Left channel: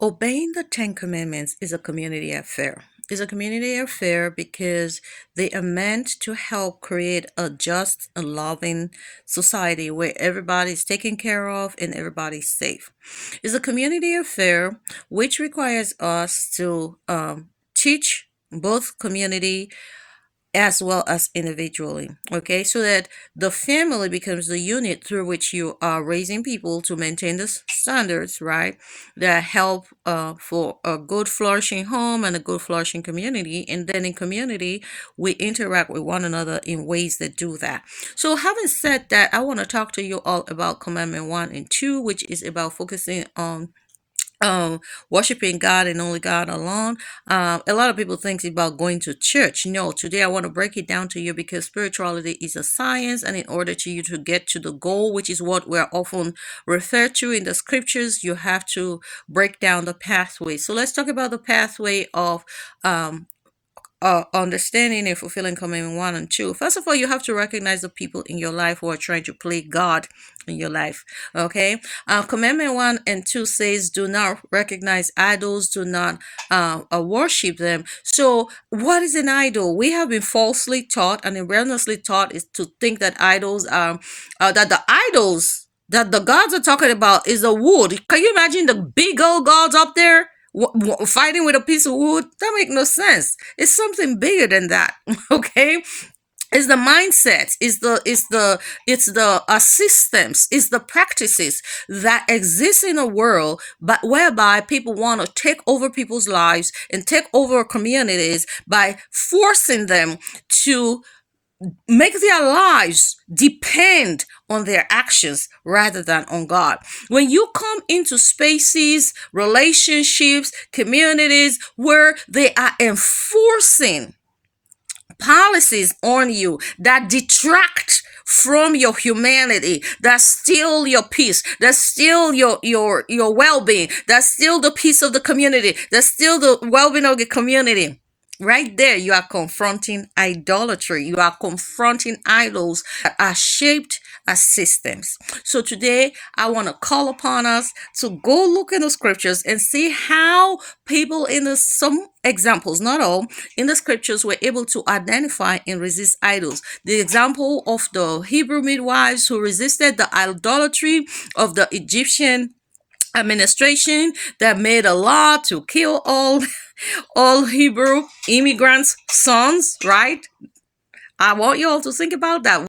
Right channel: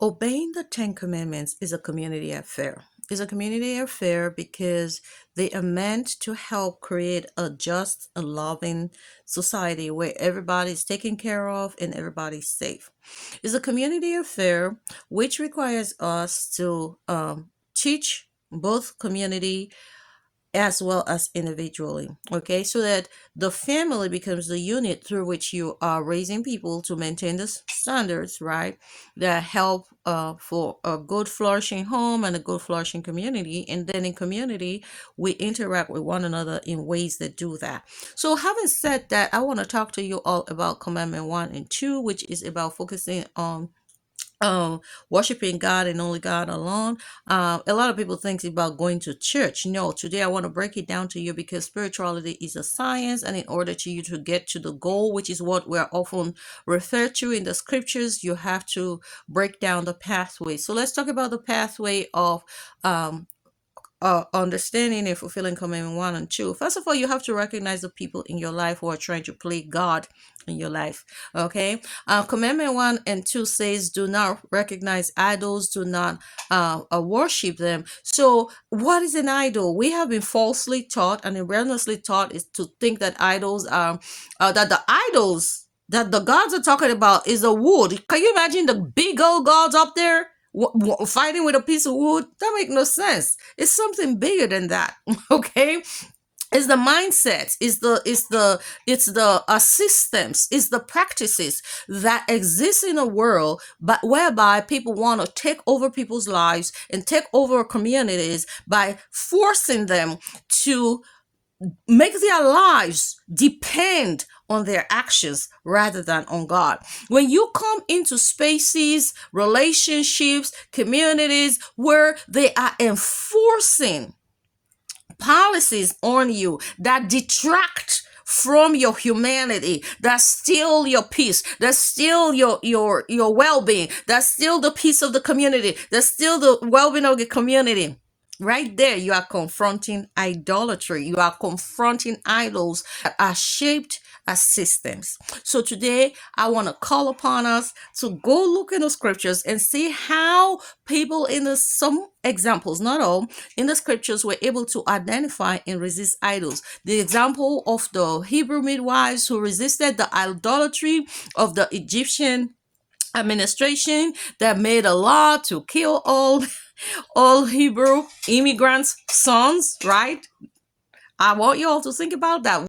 Obeying the Ten Commandments is a community affair. It's a community affair because they are meant to help create a just and loving society where everybody's taken care of and everybody's safe. It's a community affair which requires us to teach both community as well as individually. Okay, so that the family becomes the unit through which you are raising people to maintain the standards, right? That help for a good flourishing home and a good flourishing community. And then in community, we interact with one another in ways that do that. So, having said that, I want to talk to you all about Commandment 1 and 2, which is about focusing on worshiping God and only God alone. A lot of people think about going to church. No, today I want to break it down to you because spirituality is a science, and in order to you to get to the goal, which is what we're often referred to in the scriptures, you have to break down the pathway. So let's talk about the pathway of understanding and fulfilling Commandment 1 and 2. First of all, you have to recognize the people in your life who are trying to play God in your life. Okay. Commandment 1 and 2 says, do not recognize idols, do not worship them. So, what is an idol? We have been falsely taught and erroneously taught is to think that idols are, that the idols that the gods are talking about is a wood. Can you imagine the big old gods up there? Fighting with a piece of wood? That makes no sense. It's something bigger than that. Okay. It's the mindset, it's the systems, it's the practices that exist in a world, but whereby people want to take over people's lives and take over communities by forcing them to make their lives depend on their actions rather than on God. When you come into spaces, relationships, communities where they are enforcing policies on you that detract from your humanity, that steal your peace, that steal your well-being, that steal the peace of the community, that steal the well-being of the community, right there, you are confronting idolatry. You are confronting idols that are shaped as systems. So today, I want to call upon us to go look in the scriptures and see how people in some examples, not all, in the scriptures were able to identify and resist idols. The example of the Hebrew midwives who resisted the idolatry of the Egyptian administration that made a law to kill all Hebrew immigrants' sons, right? I want you all to think about that.